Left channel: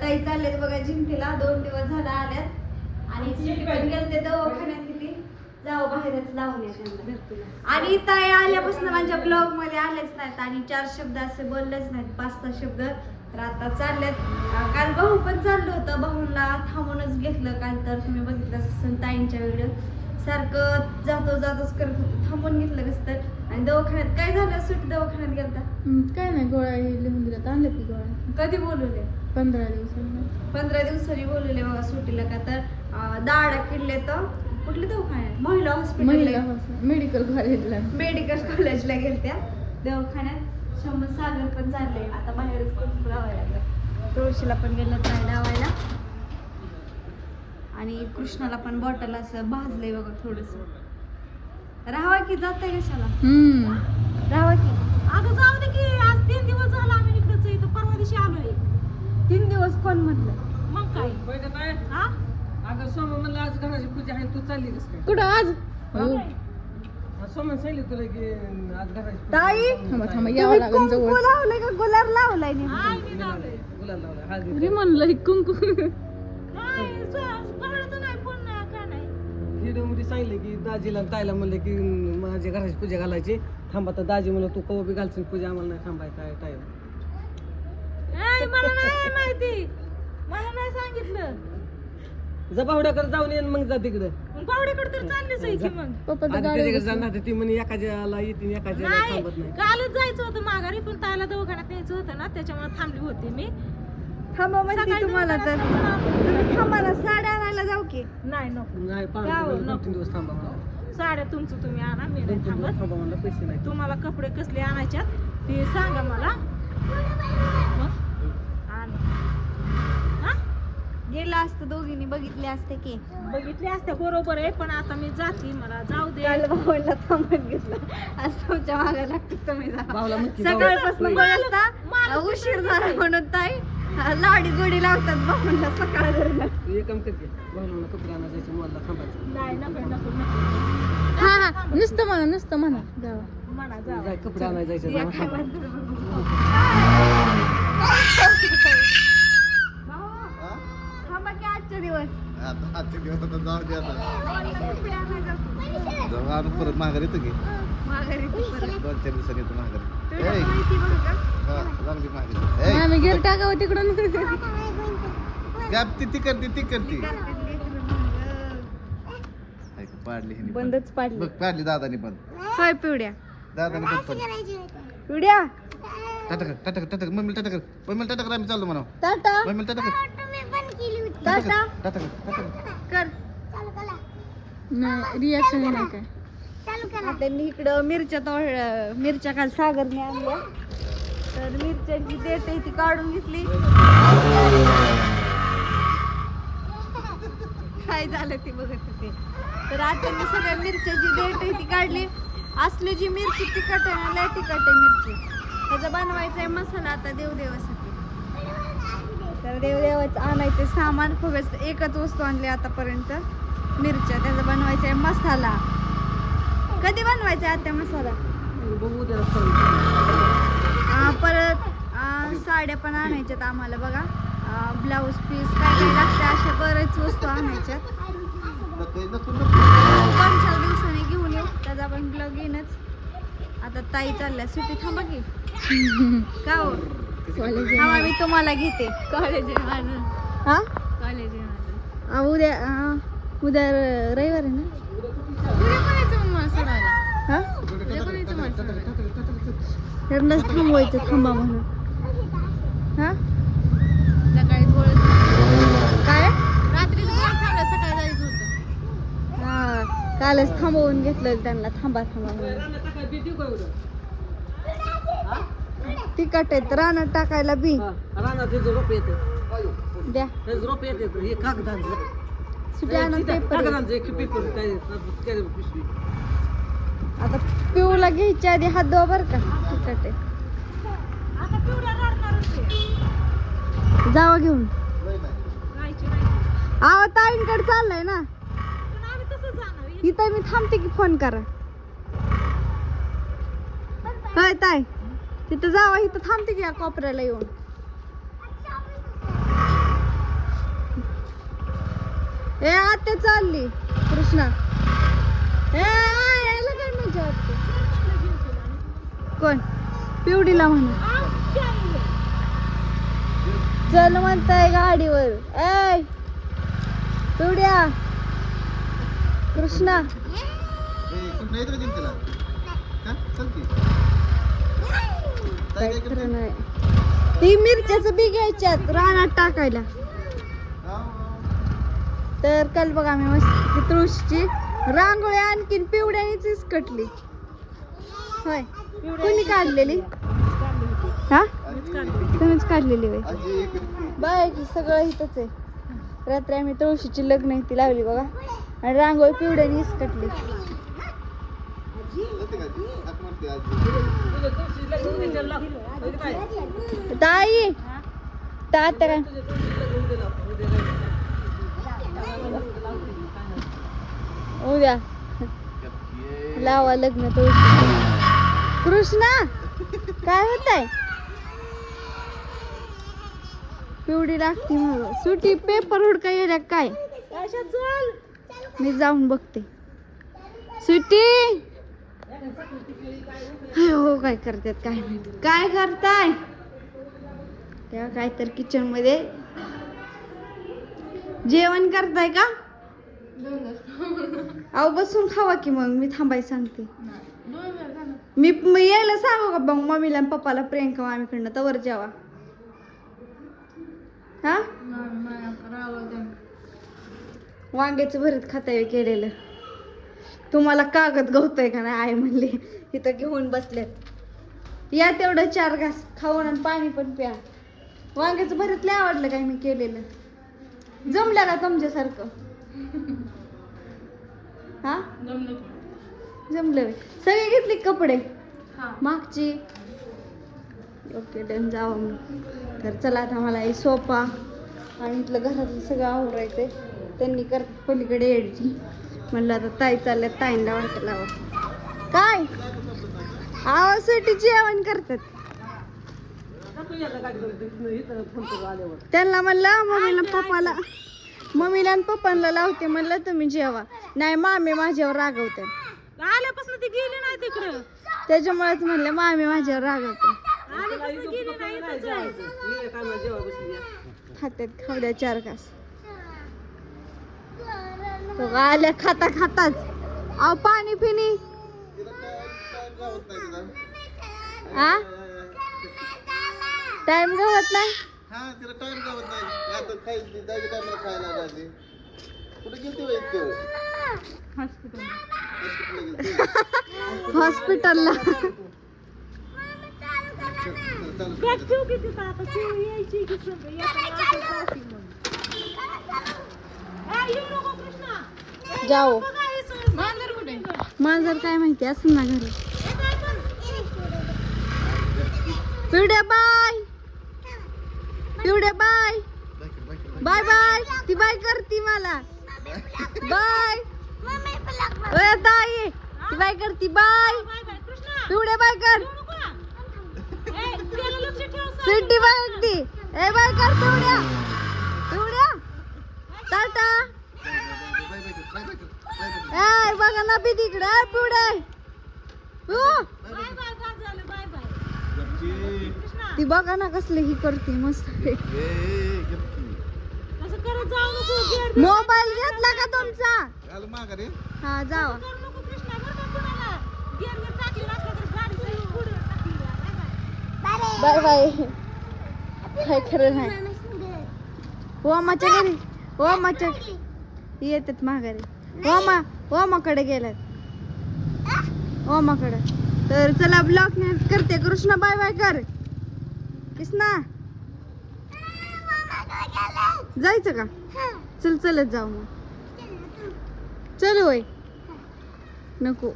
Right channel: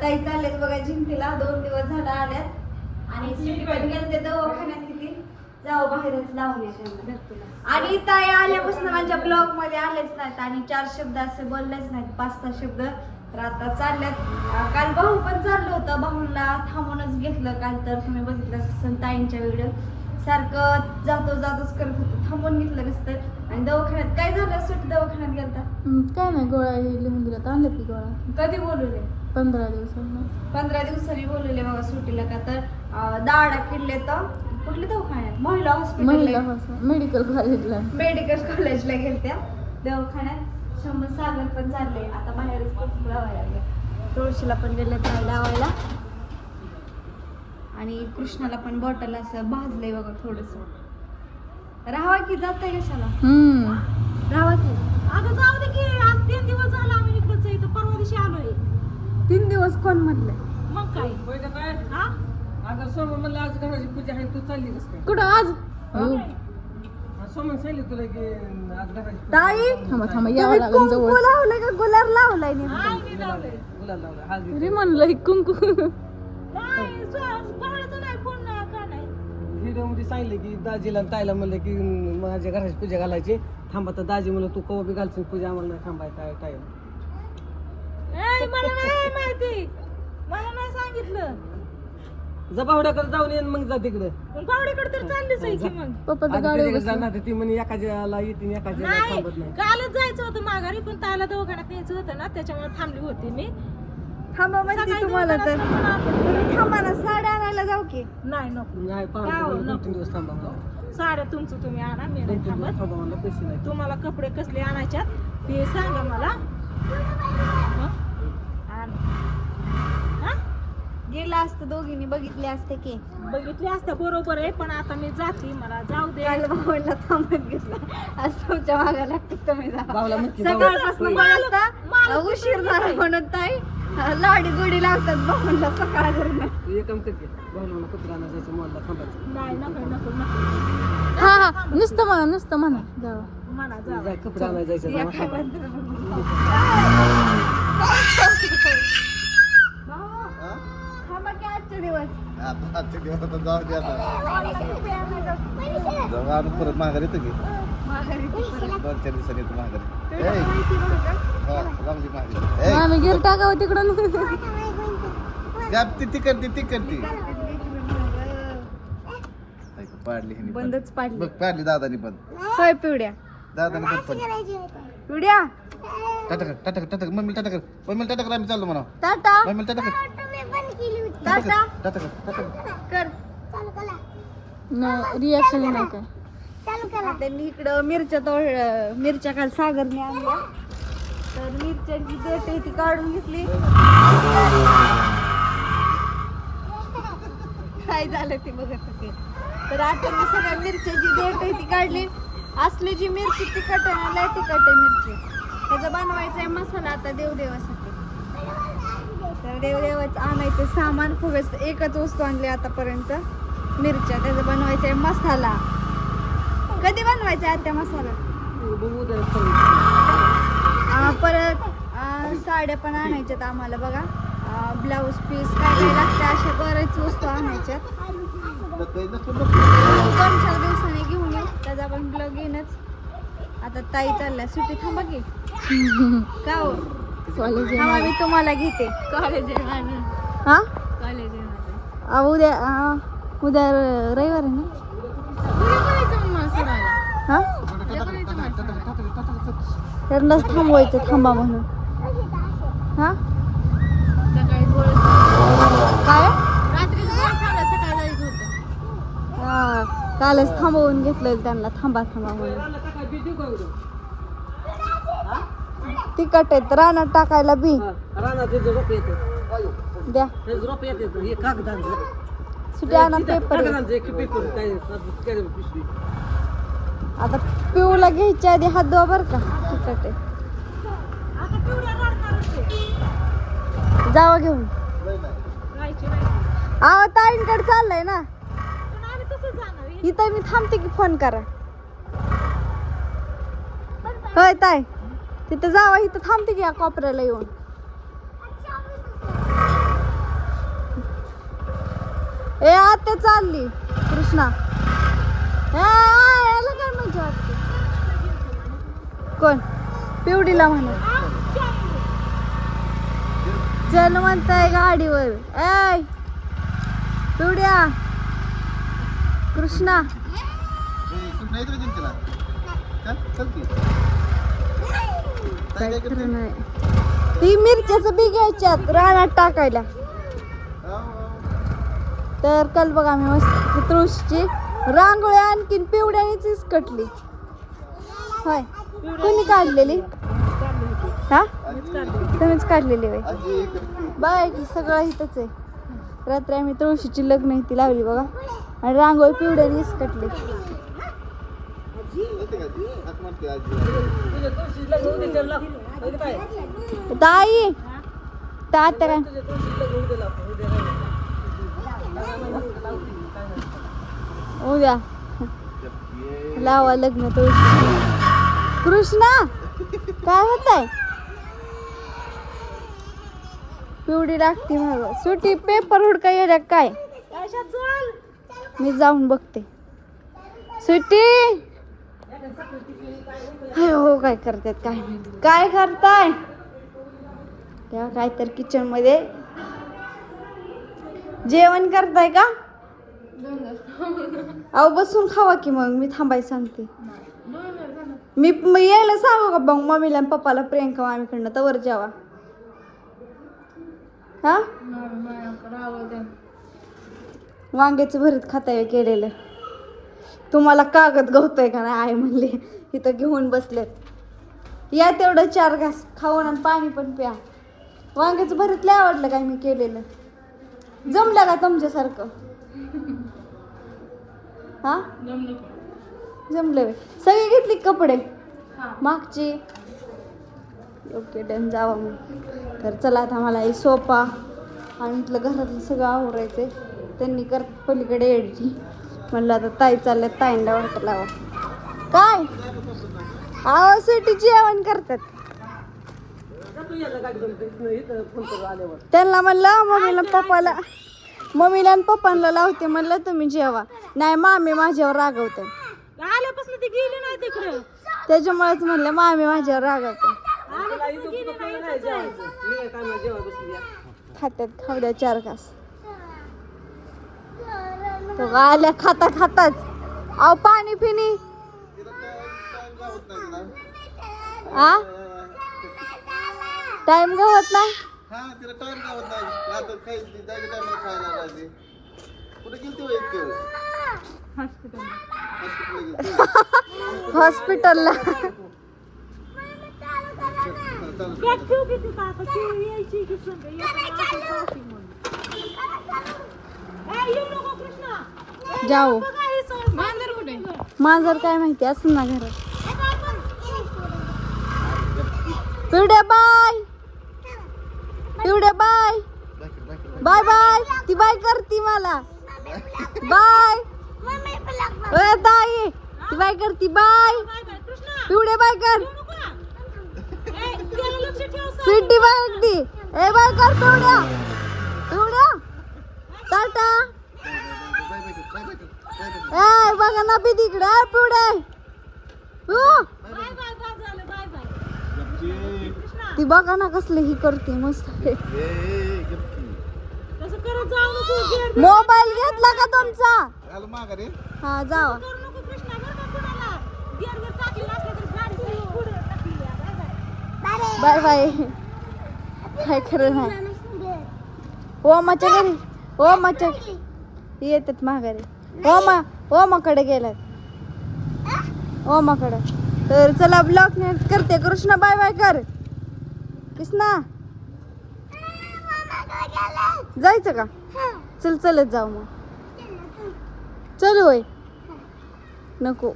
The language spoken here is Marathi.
ताई चाललेत बघा जिंतीला दोन दिवस झाला आल्यात. आणि गेलते? दवाखान्यात किती? जाऊ बाहेरच लावले आणि ताई आल्यापासून माझ्या ब्लॉगमध्ये आलेच नाहीत आणि चार शब्द असे बोललेच नाहीत. पाच सहा शब्द तर आता चालल्यात. काल भाऊ पण चाललं होतं. भाऊला थांबूनच घेतलं. काल तर तुम्ही बघितलं ताईंच्या व्हिडिओ सारखं जातो जातोच करत होतं. थांबून घेतलं नसतं. आणि दवाखान्यात काय झालं? सुट्टी दवाखान्यात गेलता. काय नाही गोळ्या लिहून दिल्यात आणले की गोळ्या? कधी बोलवले? पंधरा दिवस पंधरा दिवसांनी बोलवले बघा सुट्टीला का तर. दाडा किडले तर कुठले दवाखान्यात? महिला हॉस्पिटल मेडिकल कॉलेजला मेडिकल कॉलेजला गेलत्या. दवाखान्यात शंभर सागर पण चालले आता बाहेरच पण लावायला. तुळशीला पण गेलं नाही लावायला. कृष्णाला पण बॉटल असं भाजलंय बघा थोडस. राहावा की जात कशाला? हम्म. राहावा की? अगं जाऊ दे की आज तीन दिवस झाला आम्ही इकडंच आहे इथं परवा दिवशी आलोय. तीन दिवस कोण म्हटलंय मग काय? हा? अगं सोमन म्हणलं आज घराची पूजा आहे तू चालली कस काय? कुठं आज? हा, सोमन सांगितलं तुला की आज घराची पूजा ताई, आहे. थांबा थांबा यावं तुम्ही लागेल कुंकू जवळ. लावलं का? गुलाब लावलाय मी लावलंय. गुलाल लावला हळदी तरी म्हणलं कुंकू. नाही व्हिडिओमध्ये सांगितलं की दाजीला आणि ताईला म्हणलं की माझ्या घराची पूजा घालायची. थांबा तर दाजी म्हणलं तू कवा बी घालशील पूजा आम्हाला नाही थांबाय काय टाइम ए, मला नाही माहिती. मला नाही सांगितलं. जबावड्याकडे जाऊन येईन मग जा तिकडं. तर चाललीच आहे की मग. त्याच्याकडे जाणार ती म्हणे येतील एखाद्याला नाही थांबत नाही. कालच जायचं होतं माघारी पण तायला दवाखान्यात न्यायचं होतं ना त्याच्यामुळे थांबली होती मी. थांबा म्हणते सकाळी तुम्हाला तर. तुम्ही थांबा. ना साड्या आणायला जाऊ की. नाही नको. नाही दोन नको. तीन दिवस थांबा म्हणलं. साड्या तुमचं तुम्ही आणा मी दोन नाही तीन दिवस थांबत. थांबा म्हणलं पैसे नाही. तुम्हाला कपडे कसले आणायच्यात ते सांगा मला. आण. हा? गेला असतं दोघींनी बघितले असते की. बघितले असते बरोबर आहे पण आता मी जाते मला जाऊ दे. काल भाऊंना थांबत घेतलं आज तुमच्या मागा लागतो तुम्ही जा. भाऊला म्हणते भाऊ, सकाळपासून उशीर झाला म्हणून ताई. लाडी गोडी लावतात भाऊंना सकाळ करून तू एक काम करते भाऊला कपडे आणा जायचं मॉलला थांबायचं. नाही नको नको नको. हा हा नुसतं म्हणा नुसतं म्हणा. कपडे आजचे दिवस. आता आजचे दिवस आता जाऊ दे आता. जाऊ आणून परत माघारी येतो की. दोन चार दिवसांनी येतो? हा, आम्ही गिर टाकावं तिकडून. ती ती करते ती करते बंदच पाडली. पाडली बघ पाडली दादानी पण. होय पिवड्या दादानी पण पाडली. पिवड्या? टाटा कर टाटा कर टाटा कर. मम्मीला टाटा कर. मम्मीला टाटा कर आम्ही चाललो म्हणा टाटा? मम्मीला टाटा कर. टाटा कर रिॲक्शन नाही काय? मी इकडं मिरच्या तोळ मिरच्या काल सागरने आणल्या. तर मिरच्यांची देठ आहे ती काढून घेतली. काय झालं ते बघत होते. तर आता मी सगळ्या मिरच्याची देठ आहे ती काढली. असली जी मिरची तिखट आहे ना लय तिखट आहे मिरची. त्याचा बनवायचा आहे मसाला आता देवदेवासाठी. तर देवदेवाचं आणायचं सामान फक्त एकच वस्तू आणली आतापर्यंत. मिरच्या त्याचा बनवायचा आहे मसाला. कधी बनवायचा आत्या मसाला? बघू उद्या परत. आ, परत आ, साड्या पण आणायच्यात आम्हाला बघा. ब्लाऊज पीस काय काय लागते अशा बरेच वस्तू आणायच्यात. दोन चार दिवसांनी घेऊन येऊ. त्याचा पण ब्लॉग येईनच. आता ताई चालल्या. सुट्टी थांबा की. का हो? थांबा मी तुम्हाला घेते. कॉलेज आहे माझं. हा? कॉलेज आहे माझं. आ, उद्या आ, उद्या रविवार आहे ना? त्यांनाच थांबवायचं थांबा म्हणून. हा? सकाळी काय? रात्रीच गोळा थांबला सकाळी जायचं होतं हा कालच थांबवून घेतलं त्यांना थांबा थांबा म्हणून? तिखट आहेत रानात टाकायला बी. रानात त्याचं रोप येतं. द्या. रोप येतं हे कागदांचं पेपर आता पिऊला घ्यायच्या आधी हात धुवा बर का. आहे. जावा घेऊन. आवा ताईंकडे चाललंय ना. पण आम्ही तसंच जाणार आहे. इथं मी थांबते की फोन करा. होय ताई. तिथं जावा इथं थांबते की या कोपऱ्याला येऊन. ए आत्या चालली. कृष्णा? कोण? पिवडीला म्हणा. चल म्हणताय गाडीवर. ए पिवड्या. कृष्णा. ती मिरच्याचं बी घ्यायच्यात. रानात टाकायला. तर काल बघा आम्ही मस्त तुळशीची रांगोळी आणखीन पिवड्यानेच कटली होय. कोणी काढलेली? हा? तुम्हीच काढलेली होय. बाय सगळं इथंच आहे. रात्री आम्ही तुळशीची लग्न इथे लावली बघा. आणि रांगोळी पिवड्यानेच कटली ताई! तात्या काय तुझं तुळशी लग्न उद्या. लावा लग्न तो. कृष्णा काय होत आहे पिवडी लागते मग सुटी पेपर हुडका येड्या काय? मी जाऊन बघते. सुटी? हो काय करतात काय माहिती. काय करताय? त्या काय तर किचनमध्ये जेवण करताय का? अहो बसून खावा की मग मी थांबाय सांगते. मी म- यायला सांगू का मग मम्मीला पप्पाला प्रियंका मामीकडनं? तवर जेवा. हा? वांग्याचं भरीत खाताय केलेलं. तुम्हाला कागद गवतोय का नाही आई म्हणले. इथं घेऊन बसलेत. या तेवढं चार घास खाऊन आणि पाणी पण प्या. वांग्याचं भरीत लय आवडलं काय मी केलेलं. जमलं का तुमच्यासारखं? हा? जमलं. सगळे घेतले कपडे? मागची? ओके डन जावा मग तर चला आता मला हे सोफा आणि इथलं घरातलं सगळं आवडायचं त्यांनी कर पलीकडे एडची म्हणलं आता ताई चालल्या ताईंना वाटतं लावा. काय? आवाज सुटी जेवण करतात तुझ्याला गाडी जमते इथं फोन करू आल्यावर त्यांना म्हणलं मम्मीला पप्पाला मम्मीला आणि पप्पांना लावते म्हणलं तुम्ही जेवा. नाही मामी माझ्यावर रागवते. आल्यापासून ती गेली नाही तिकडं. त्याच्यामुळेच म्हणलं मामी माझ्यावर रागवते. खात्यात खाऊ द्या चार तो आल्या खाता खाताच. अहो पाणी पिणी. आ? टाइम गवत नाही हा तिला टाइम गावत नाही. आता काही त्याची टाइम खायला लागायची कुठे गेलती वय इतकं हॉस्पिटलला जाऊ. हे मांजर काय माहिती असं ना घरात? पिवड्या बाय पिवड्या बाय. Bye bye. ती बाय करती मला. बाय. ताई. ती बाय करती बाय. बाय बाय कर. येऊ स्वीटी बाय अगदी ए बाय कर पिवड्या पिवड्या टाटा. ए बघा ना बी तिकडे पिवड्या हो. बाय बाय बाय झालं बाय बाय कृष्णा ती बघा ना कसली ही करते मस्त मोबाईल घेतला का तुमचा? माघारी हा जावा. Bye bye. घरी. ओमाच्या येतात माघारी ओमा ओमाकडे गेलात ओमाकडे तर चला ब्लॉक करते. कृष्णा बाय बाय कर. कृष्णा. जायचं का? चल चलत जाऊ मग. चल होय. नको.